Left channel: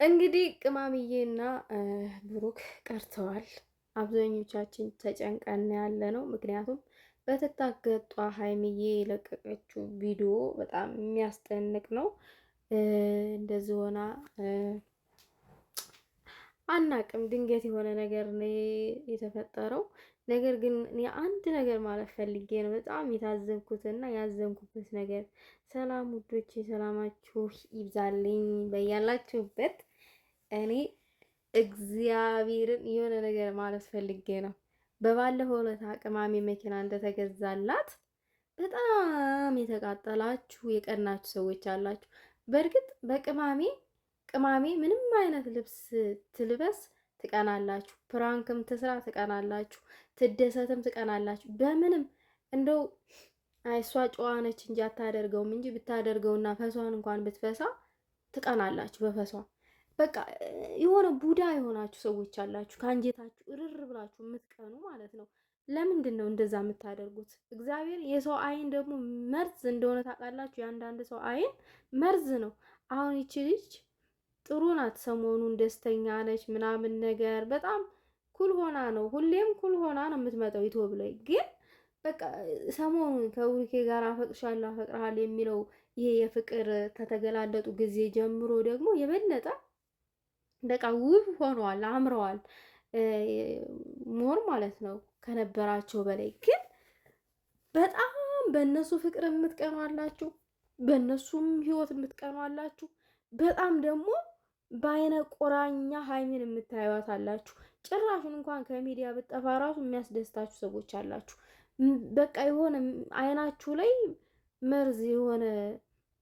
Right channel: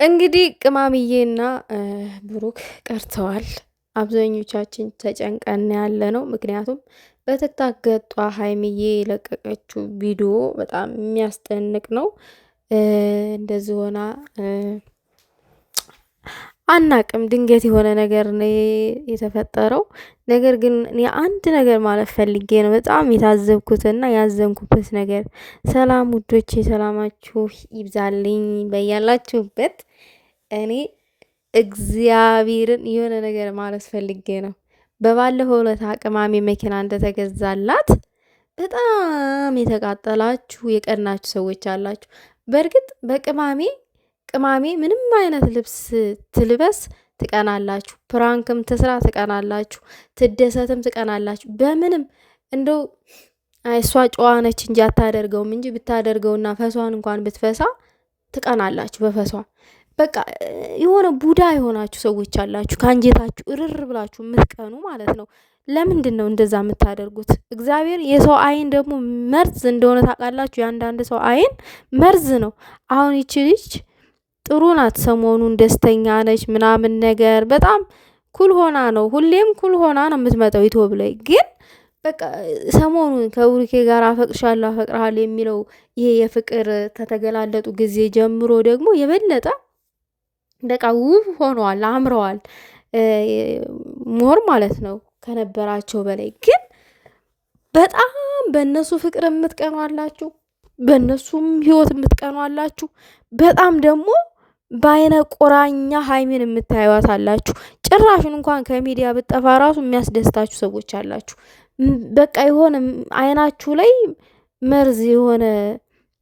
እንግዲህ ቅማምዬና ብሩክ ቀርተዋል። አብዛኞቻችን ተጨንቀን ያለ ነው። ምክንያቱም በትክታክ ገጧ ሀይሚዬ የለቀቀችው ቪዲዮ በጣም የሚያስደንቅ ነው። እንደዚህ ሆና አናቅም። ድንገት የሆነ ነገር ነው የተፈጠረው። ነገር ግን እኔ አንድ ነገር ማለት ፈልጌ ነው በጣም የታዘብኩትና ያዘንኩበት ነገር። ሰላም ውዶቼ፣ ሰላማችሁ ይብዛልኝ በያላችሁበት። እኔ እግዚአብሔርን የሆነ ነገር ማለት ፈልጌ ነው። በባለፈው ዕለት ቅማሜ መኪና እንደተገዛላት በጣም የተቃጠላችሁ የቀናችሁ ሰዎች አላችሁ። በእርግጥ ቅማሜ ምንም አይነት ልብስ ትልበስ ትቀናላችሁ፣ ፕራንክም ትስራ ትቀናላችሁ፣ ትደሰትም ትቀናላችሁ። በምንም እንደው እሷ ጨዋ ነች እንጂ አታደርገውም እንጂ ብታደርገውና ፈሷን እንኳን ብትፈሳ ትቀናላችሁ በፈሷ። በቃ የሆነ ቡዳ የሆናችሁ ሰዎች አላችሁ፣ ከአንጀታችሁ እርር ብላችሁ የምትቀኑ ማለት ነው። ለምንድን ነው እንደዛ የምታደርጉት? እግዚአብሔር የሰው አይን ደግሞ መርዝ እንደሆነ ታውቃላችሁ። የአንዳንድ ሰው አይን መርዝ ነው። አሁን ይቺ ልጅ ጥሩ ናት፣ ሰሞኑን ደስተኛ ነች ምናምን ነገር በጣም ኩል ሆና ነው፣ ሁሌም ኩል ሆና ነው የምትመጣው ዩቲዩብ ላይ። ግን በቃ ሰሞኑን ከብሩኬ ጋር አፈቅሻለሁ አፈቅርሃለሁ የሚለው ይሄ የፍቅር ከተገላለጡ ጊዜ ጀምሮ ደግሞ የበለጠ በቃ ውብ ሆነዋል፣ አምረዋል ሞር ማለት ነው ከነበራቸው በላይ። ግን በጣም በእነሱ ፍቅር የምትቀኑ አላችሁ፣ በእነሱም ህይወት የምትቀኑ አላችሁ። በጣም ደግሞ በአይነ ቁራኛ ሀይሚን የምታዩት አላችሁ። ጭራሹን እንኳን ከሚዲያ ብጠፋ ራሱ የሚያስደስታችሁ ሰዎች አላችሁ። በቃ የሆነ አይናችሁ ላይ መርዝ የሆነ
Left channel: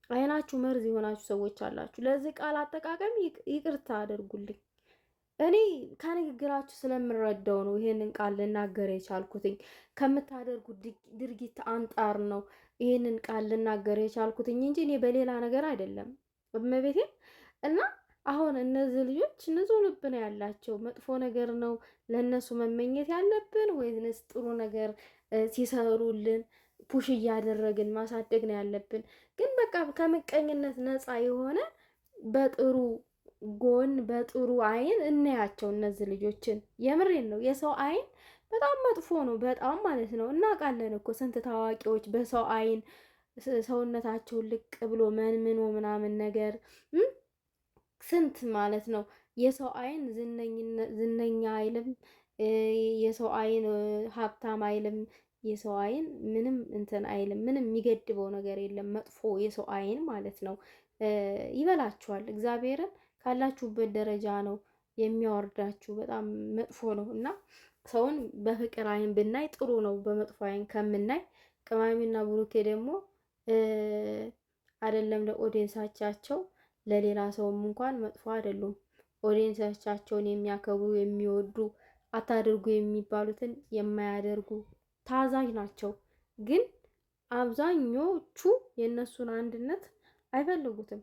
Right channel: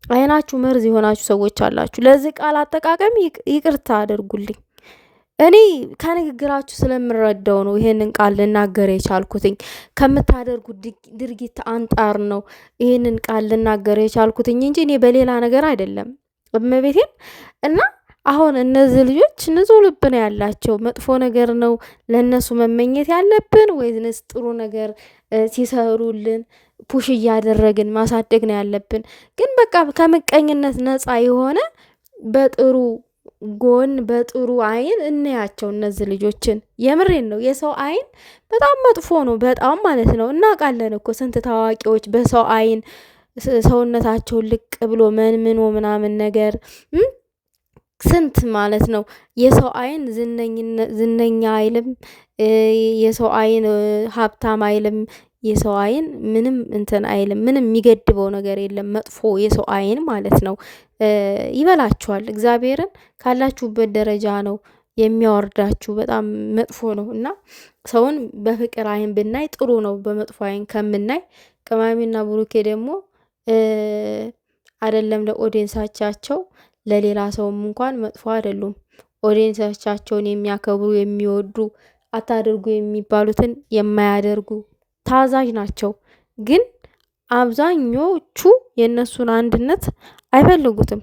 አይናችሁ መርዝ የሆናችሁ ሰዎች አላችሁ። ለዚህ ቃል አጠቃቀም ይቅርታ አድርጉልኝ። እኔ ከንግግራችሁ ስለምረዳው ነው ይሄንን ቃል ልናገር የቻልኩትኝ። ከምታደርጉት ድርጊት አንጣር ነው ይሄንን ቃል ልናገር የቻልኩትኝ እንጂ እኔ በሌላ ነገር አይደለም። እመቤቴን እና አሁን እነዚህ ልጆች ንጹህ ልብ ነው ያላቸው። መጥፎ ነገር ነው ለእነሱ መመኘት ያለብን ወይስ ጥሩ ነገር ሲሰሩልን ፑሽ እያደረግን ማሳደግ ነው ያለብን? ግን በቃ ከምቀኝነት ነፃ የሆነ በጥሩ ጎን በጥሩ አይን እናያቸው እነዚህ ልጆችን። የምሬን ነው። የሰው አይን በጣም መጥፎ ነው፣ በጣም ማለት ነው። እናውቃለን እኮ ስንት ታዋቂዎች በሰው አይን ሰውነታቸውን ልቅ ብሎ መንምኖ ምናምን ነገር ስንት ማለት ነው። የሰው አይን ዝነኛ አይልም፣ የሰው አይን ሀብታም አይልም፣ የሰው አይን ምንም እንትን አይልም። ምንም የሚገድበው ነገር የለም። መጥፎ የሰው አይን ማለት ነው። ይበላችኋል። እግዚአብሔርን ካላችሁበት ደረጃ ነው የሚያወርዳችሁ። በጣም መጥፎ ነው እና ሰውን በፍቅር አይን ብናይ ጥሩ ነው፣ በመጥፎ አይን ከምናይ። ቅማሜና ብሩኬ ደግሞ አይደለም ለኦዲየንሳቻቸው ለሌላ ሰውም እንኳን መጥፎ አይደሉም። ኦዲየንሳቻቸውን የሚያከብሩ የሚወዱ፣ አታድርጉ የሚባሉትን የማያደርጉ ታዛዥ ናቸው። ግን አብዛኞቹ የእነሱን አንድነት አይፈልጉትም።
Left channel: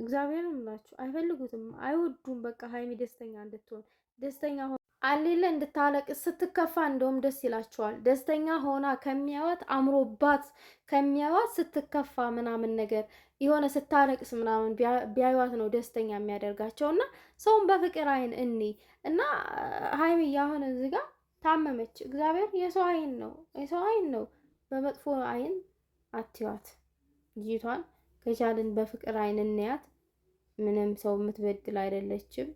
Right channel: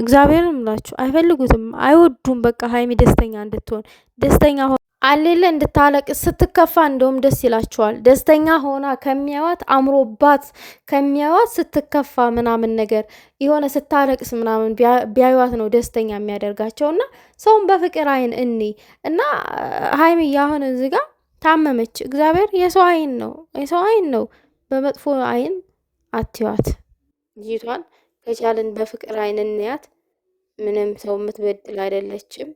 እግዚአብሔርን ምላችሁ አይፈልጉትም፣ አይወዱም። በቃ ሀይሚ ደስተኛ እንድትሆን ደስተኛ አሌለ እንድታለቅስ ስትከፋ እንደውም ደስ ይላቸዋል። ደስተኛ ሆና ከሚያዋት አምሮባት ከሚያዋት ስትከፋ ምናምን ነገር የሆነ ስታለቅስ ምናምን ቢያዩዋት ነው ደስተኛ የሚያደርጋቸው። እና ሰውን በፍቅር አይን እኔ እና ሀይሚ አሁን እዚህ ጋር ታመመች። እግዚአብሔር የሰው አይን ነው፣ የሰው አይን ነው። በመጥፎ አይን አትዋት ልጅቷን። ከቻልን በፍቅር አይን እንያት። ምንም ሰው የምትበድል አይደለችም።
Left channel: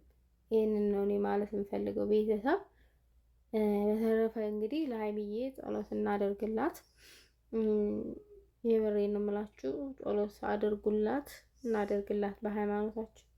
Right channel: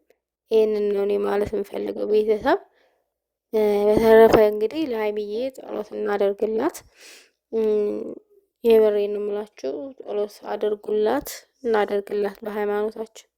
ይህንን ነው እኔ ማለት የምፈልገው ቤተሰብ። በተረፈ እንግዲህ ለሀይሚዬ ጸሎት እናደርግላት። የበሬን የምላችሁ ጸሎት አድርጉላት፣ እናደርግላት በሃይማኖታችን።